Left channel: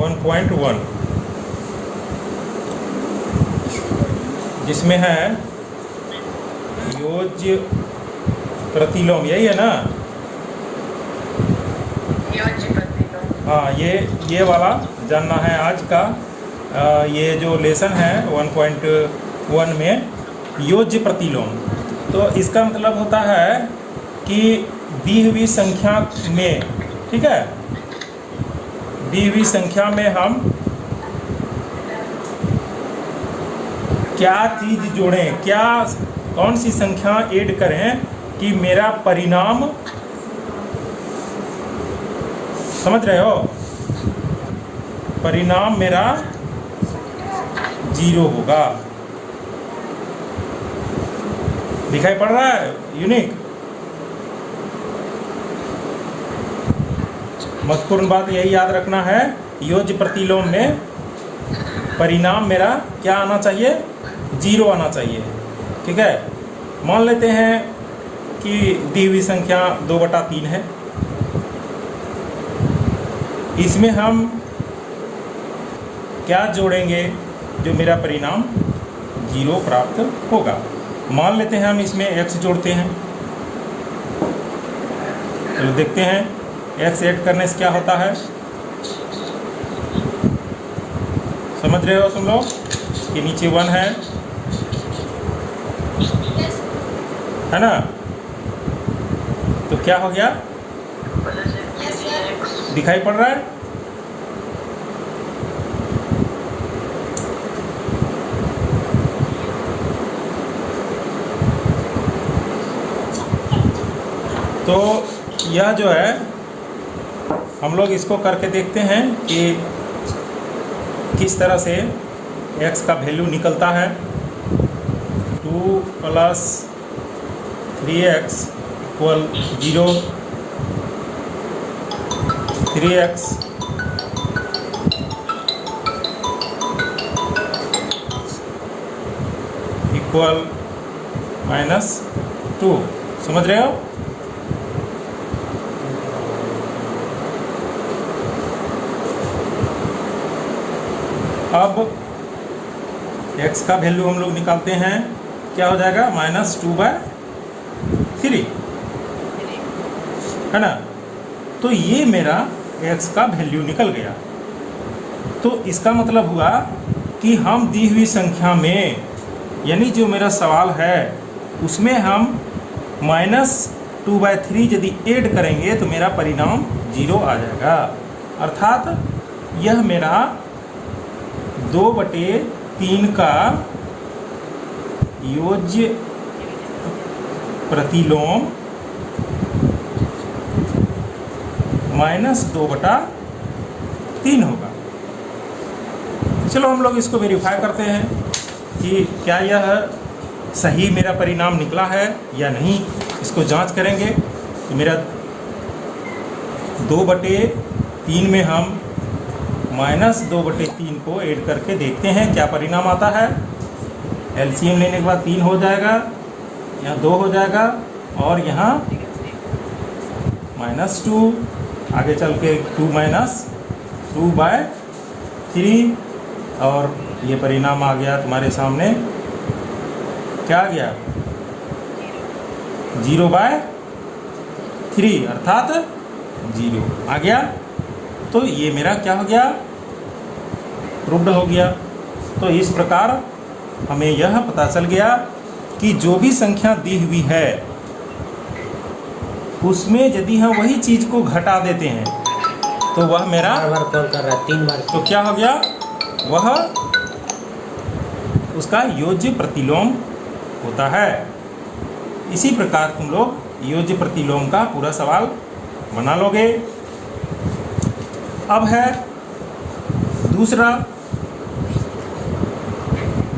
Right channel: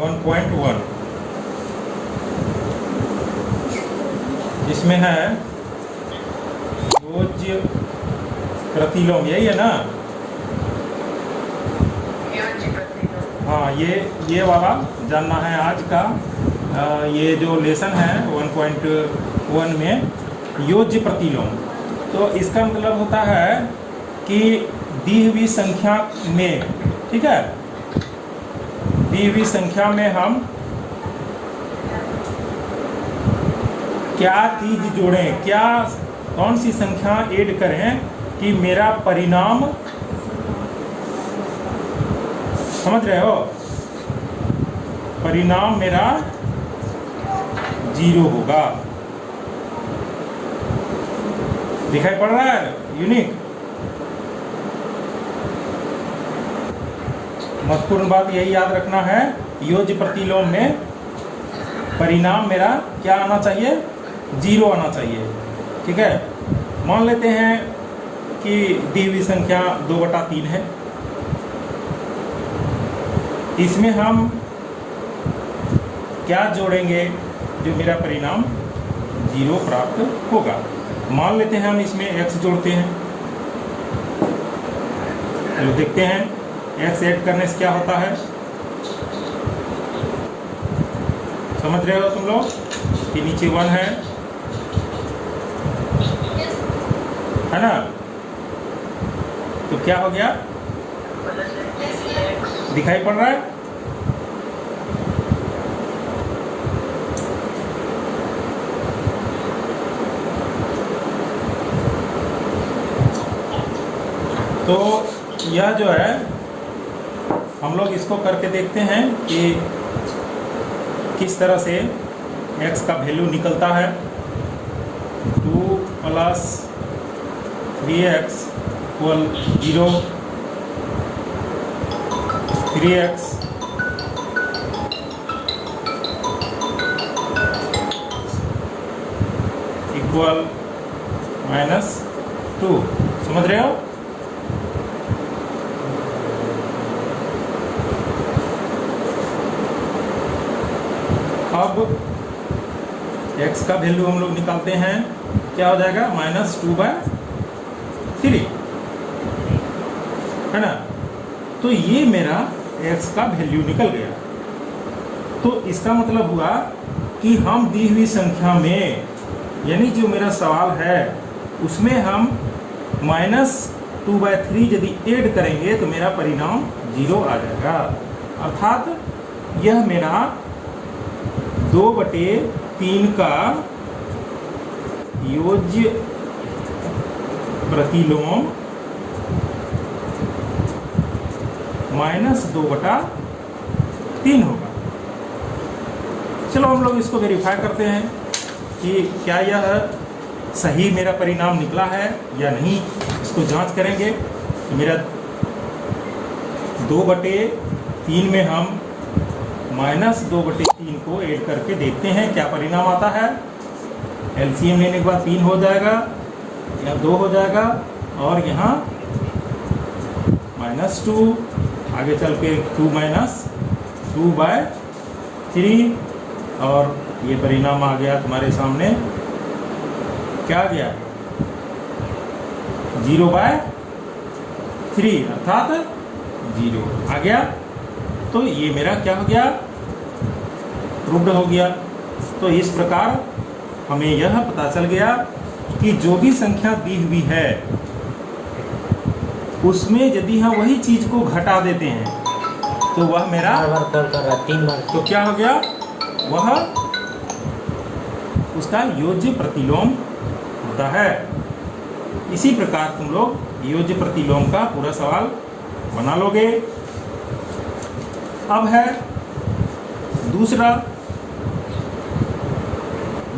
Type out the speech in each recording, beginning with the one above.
1.1, जिसमें है योज्य प्रतिलोम, यही है ना? हाँ, ये वाला जानना है आज का। ये जो लेसन है 1.1 में योज्य प्रतिलोम, तो इसका मतलब होता है कि दी हुई संख्या में, ठीक है, दी हुई संख्या में हम क्या चीज जोड़ें, क्या कौन सी संख्या ऐड करें कि मेरा परिणाम, समझ रहे हो, परिणाम मेरा 0 होगा। दिखाई पड़ रहा है यूनिक? महत्वपूर्ण बात यही याद रखना है, योज्य प्रतिलोम में परिणाम मेरा क्या आना चाहिए? 0 आना चाहिए, ठीक है। मान लेते हैं कि दी हुई संख्या 2/3 है, इसमें हम क्या जोड़ेंगे जो मेरा परिणाम 0 प्राप्त होगा। मान लेते हैं हम इसमें x जोड़ते हैं, चलो देखते हैं x ऐड करने से क्या होता है। समझ रहे हो तुम लोग कि नीचे 1 है ना? तो क्या हो गया, दिखाई पड़ रहा है? तो यह जो है हम लोग इसको करके देखते हैं कि किस तरह से x का वैल्यू निकलता है। 2 + 3x = 0, 3x = -2, समझ रहे हो? अब x का वैल्यू हम लोग निकालते हैं, क्या हो जाएगा? -2/3, है ना? तो ये मेरा x का वैल्यू निकल गया। तो इसका मतलब हुआ कि हम दी हुई संख्या में, यानी जो मेरा सवाल है उसमें हम -2/3 यदि ऐड करेंगे तो मेरा परिणाम 0 आ जाएगा। अर्थात यह मेरा 2/3 का योज्य प्रतिलोम -2/3 होगा। चलो हम लोग इसको वेरीफाई करते हैं कि क्या यह सही मेरा परिणाम निकला है या नहीं, इसको जांच करेंगे। मेरा 2/3 में हम -2/3 को ऐड करके देखते हैं क्या परिणाम आता है। एलसीएम लेने के बाद 3 हो जाएगा, यहाँ 2 हो जाएगा और यहाँ -2, आगे चल के 2/3 और ये परिणाम आ गया तुम्हारे सामने। क्या आ गया? 0/3 अर्थात 0 आ गया। तो ये मेरा क्या हो गया? प्रूव्ड हो गया। तो इस प्रकार हमें यह पता चल गया कि जो भी संख्या दी हुई है उसमें यदि हम वही चीज को घटा देते हैं तो वह मेरा बार कॉल कर रहा है 3 बार। तो क्या हो गया? वह उसका योज्य प्रतिलोम होता है। इसी प्रकार तुम लोग योज्य प्रतिलोम का पूरा सवाल बना लोगे। अब है दूसरा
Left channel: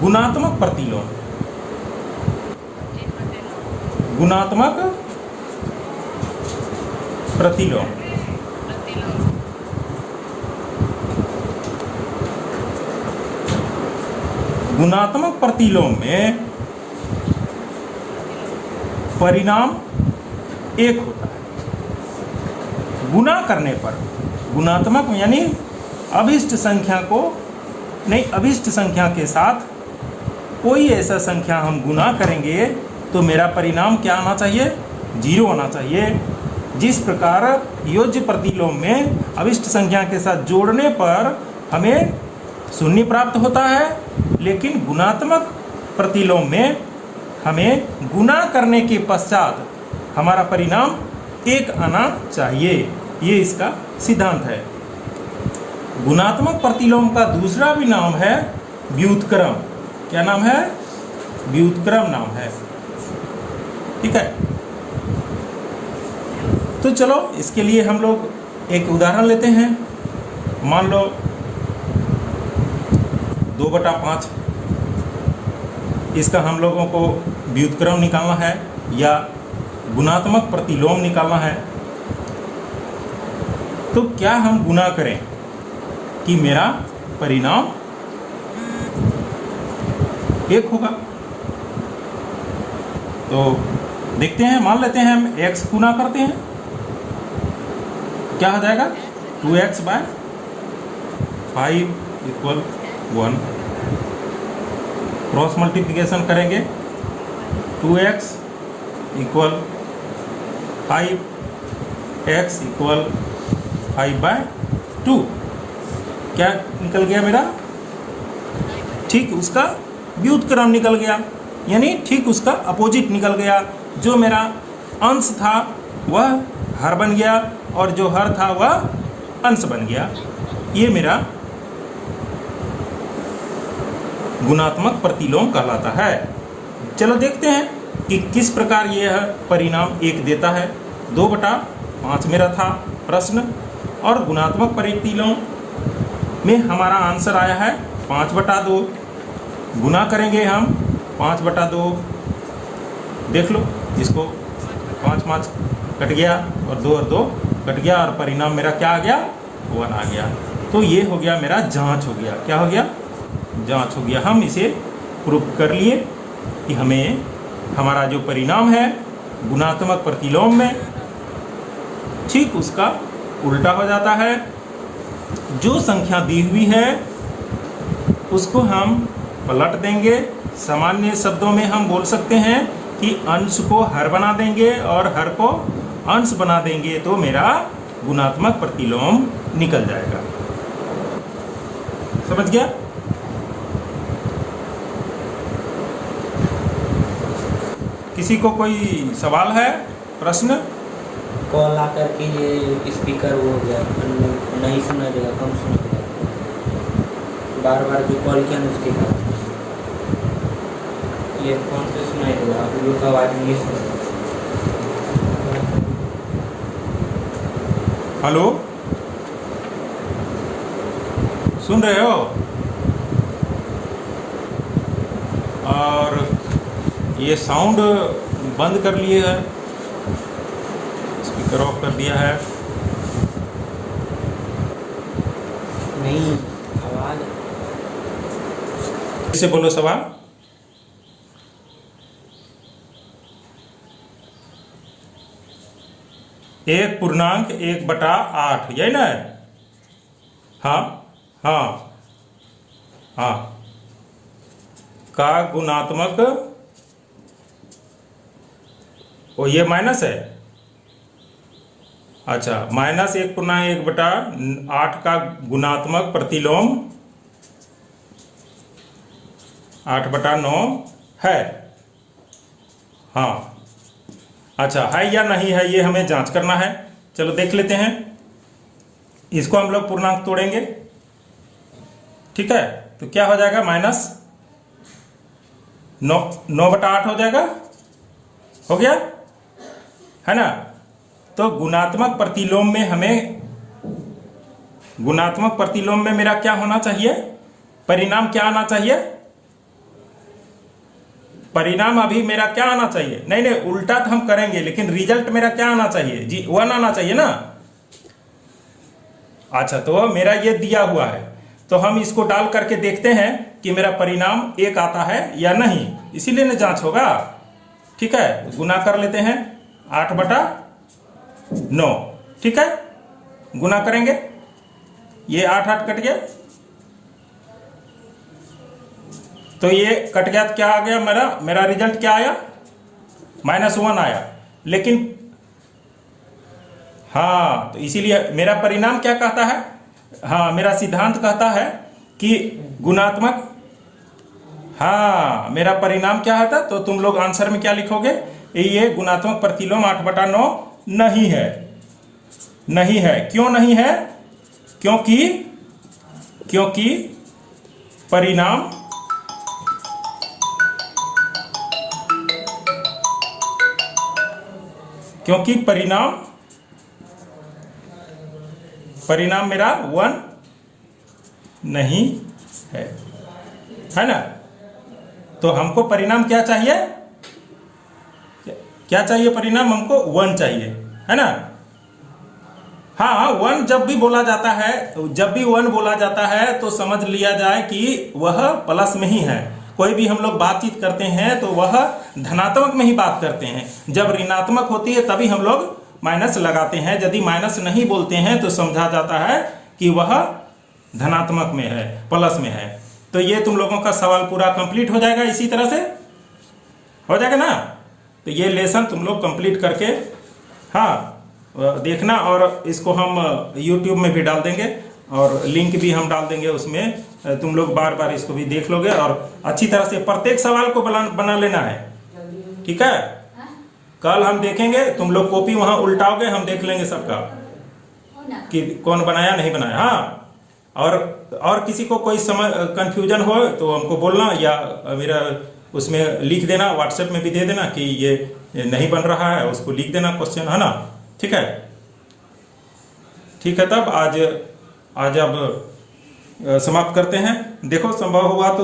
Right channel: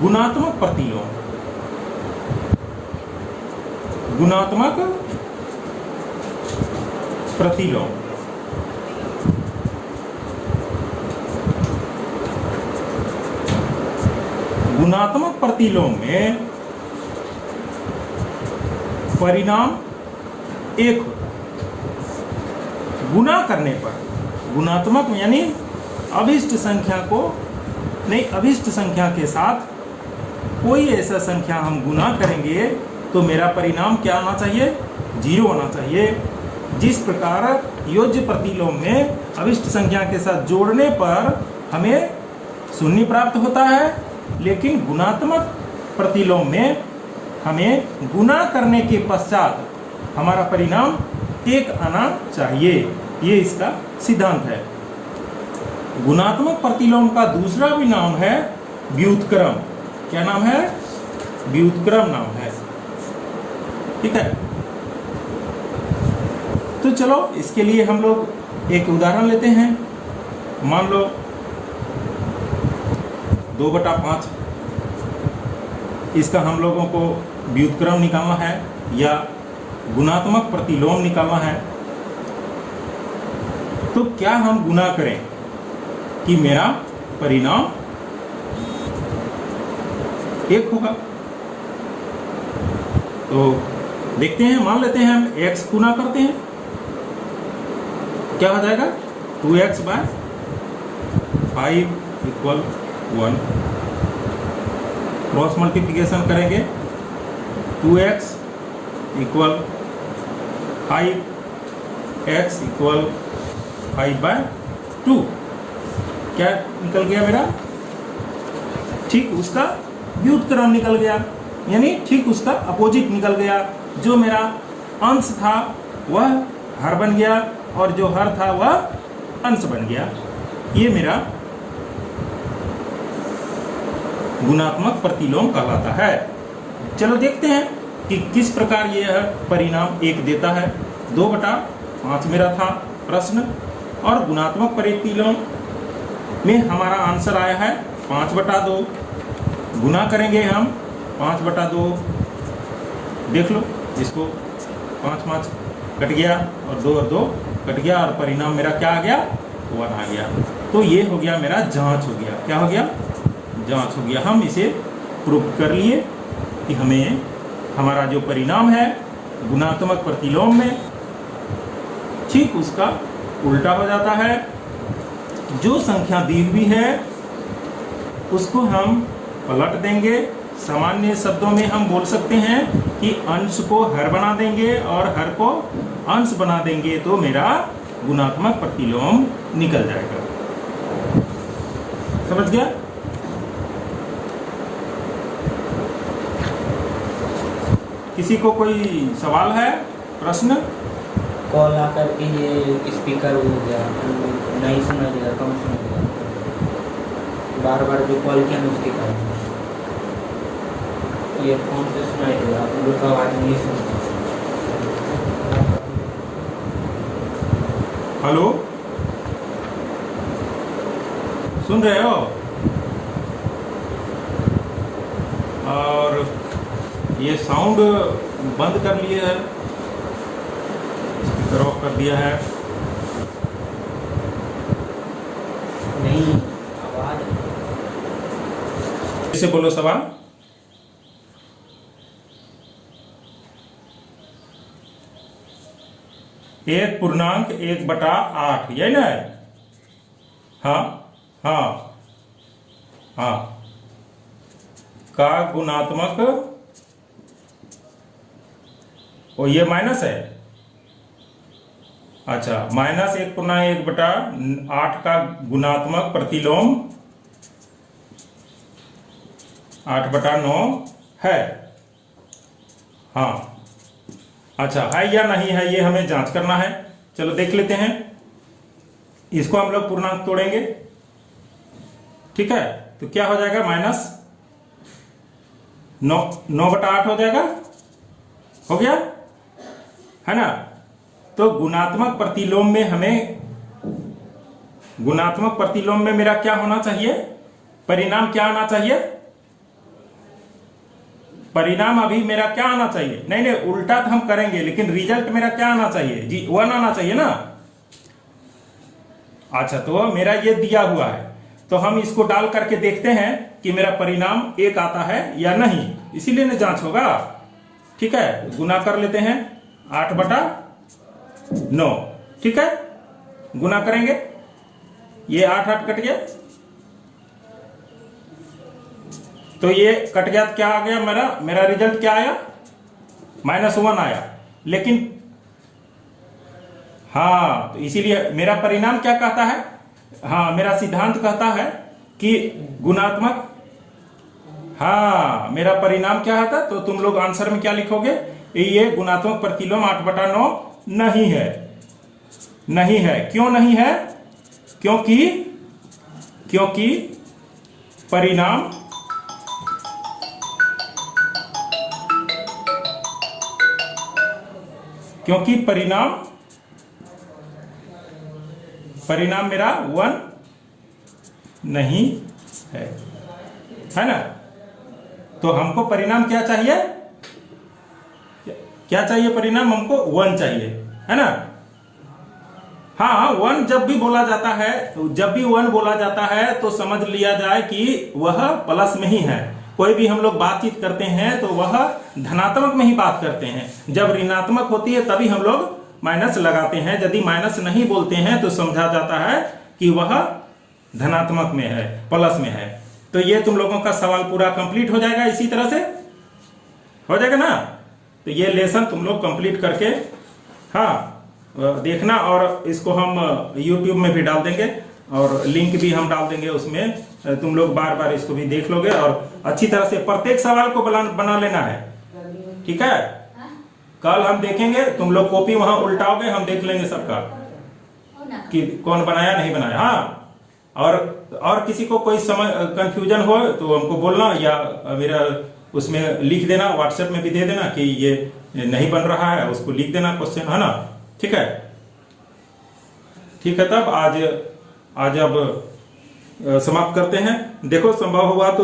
गुणात्मक प्रतिलोम। गुणात्मक प्रतिलोम गुणात्मक प्रतिलोम में परिणाम एक होता है। गुणा करने पर, गुणात्मक यानी अभिष्ट संख्या को नहीं, अभिष्ट संख्या के साथ कोई ऐसा संख्या हम गुना करेंगे तो मेरा परिणाम क्या आना चाहिए? 0 होना चाहिए। जिस प्रकार योज्य प्रतिलोम में अभिष्ट संख्या के साथ जोड़ने पर हमें 0 प्राप्त होता है, लेकिन गुणात्मक प्रतिलोम में हमें गुना करने के पश्चात हमारा परिणाम 1 आना चाहिए। ये इसका सिद्धांत है। गुणात्मक प्रतिलोम का दूसरा भी नाम है व्युत्क्रम। क्या नाम है? व्युत्क्रम नाम है। ठीक है, तो चलो इसके लिए हम लोग एक उदाहरण लेते हैं। मान लो 2/5, इसका हम लोगों को व्युत्क्रम निकालना है या गुणात्मक प्रतिलोम निकालना है। तो क्या हम गुना करें कि मेरा परिणाम 1 होगा? तो देखते हैं, मान लेते हैं हम x गुना करते हैं, क्या हो जाएगा? 2x/5 = 1। क्रॉस मल्टीप्लिकेशन करेंगे, 2x = 5, x = 5/2। क्या निकल गया मेरा? ठीक उसका व्युत्क्रम निकल गया, यानी ठीक उसका अपोजिट निकल गया। जो मेरा अंश था वह हर बन गया और जो हर था वह अंश बन गया। ये मेरा गुणात्मक प्रतिलोम कहलाता है। चलो देखते हैं कि किस प्रकार यह परिणाम 1 देता है। 2/5 मेरा था प्रश्न, और गुणात्मक प्रतिलोम में हमारा आंसर आया है 5/2। गुना करेंगे हम 5/2। देख लो इसको, 5 कट गया और 2 और 2 कट गया और परिणाम मेरा क्या आ गया? 1 आ गया। तो ये हो गया मेरा जांच हो गया। क्या हो गया? जांच हो गया। हम इसे प्रूफ कर लिए कि हमें हमारा जो परिणाम है गुणात्मक प्रतिलोम में ठीक उसका उल्टा हो जाता है। जो संख्या दी हुई है उसको हम पलट देंगे। सामान्य शब्दों में हम बोल सकते हैं कि अंश को हर बना देंगे और हर को अंश बना देंगे तो मेरा गुणात्मक प्रतिलोम निकल जाएगा। समझ गया? किसी को कोई सवाल है, प्रश्न? कॉल आकर के ये स्पीकर हो गया, नहीं सुना देगा, कम सुना देगा। बार बार जो कॉल किया ना उसके बाद ये फोन पे सुनाई देगा, आप लोग का आवाज नहीं सुनते। हेलो, सुन रहे हो? और ये साउंड बंद कर लिए है, स्पीकर ऑफ कर दिया है। नहीं आवाज इसे बोलो सवाल। 1/1/8 यही ना है? हाँ हाँ हाँ, का गुणात्मक, ओ ये माइनस है। अच्छा, -1/1/8 का गुणात्मक प्रतिलोम 8/9 है। हाँ, अच्छा है या नहीं है ये हमें जांच करना है। चलो देख लेते हैं। इसको हम लोग पूर्णांक तोड़ेंगे, ठीक है? तो क्या हो जाएगा? -9/8 हो जाएगा। हो गया है ना? तो गुणात्मक प्रतिलोम में हमें, गुणात्मक प्रतिलोम में मेरा क्या होना चाहिए? परिणाम क्या आना चाहिए? परिणाम अभी मेरा क्या आना चाहिए? नहीं नहीं, उल्टा तो हम करेंगे, लेकिन रिजल्ट मेरा क्या आना चाहिए जी? 1 आना चाहिए ना। अच्छा, तो मेरा ये दिया हुआ है, तो हम इसको डाल करके देखते हैं कि मेरा परिणाम 1 आता है या नहीं, इसीलिए ना जांच होगा। ठीक है, गुना कर लेते हैं 8/9। ठीक है, गुना करेंगे ये 8 8 कट गया, तो ये कट गया तो क्या आ गया, मेरा रिजल्ट क्या आया, -1 आया। लेकिन हाँ, तो इसीलिए मेरा परिणाम क्या कहता है, हाँ मेरा सिद्धांत कहता है कि गुणात्मक, हाँ मेरा परिणाम क्या होता, तो तुम लोग आंसर में क्या लिखोगे, ये गुणात्मक प्रतिलोम 8/9 नहीं है। नहीं है, क्यों नहीं है, क्योंकि परिणाम परिणाम मेरा 1 नहीं है ना। तो हमको परिणाम क्या चाहिए, परिणाम हमको 1 चाहिए, है ना। हाँ 1 जब भी बोला जाता है, तो समझ लिया जाए कि वह प्लस में ही है। कोई भी हम लोग बातचीत करते हैं तो वह धनात्मक में ही बात करते हैं, जब ऋणात्मक होती है तभी हम लोग माइनस लगाते हैं। यदि माइनस नहीं बोलते हैं तो समझा जाता है कि वह धनात्मक में है, प्लस में है। तो ये तुम लोगों का सवाल पूरा कंप्लीट हो जाएगा, इसी तरह से हो जाएगा ना। तो ये लेसन तुम लोग कंप्लीट करके हाँ देखना, और इसको हम YouTube में भी डाल देंगे और लिंक भी हम डाल देंगे उसमें, तुम लोग बार बार इसको भी देख लोगे और अच्छी तरह से प्रत्येक सवाल को बना लेना है, ठीक है। कल हम देखेंगे, तुम लोग कॉपी वहां उल्टाओगे, हम देख लेंगे सबका कि कौन बनाया नहीं बनाया। हाँ, और किसी को कोई कंफ्यूजन हो तो हमको बोलना, या मेरा उसमें लिख देना, व्हाट्सएप में भी दे देना कि ये नहीं बन रहा है, उसको लिख देना क्वेश्चन, है ना। ठीक है, तब आज अब समाप्त करते हैं। देखो संभव हुआ तो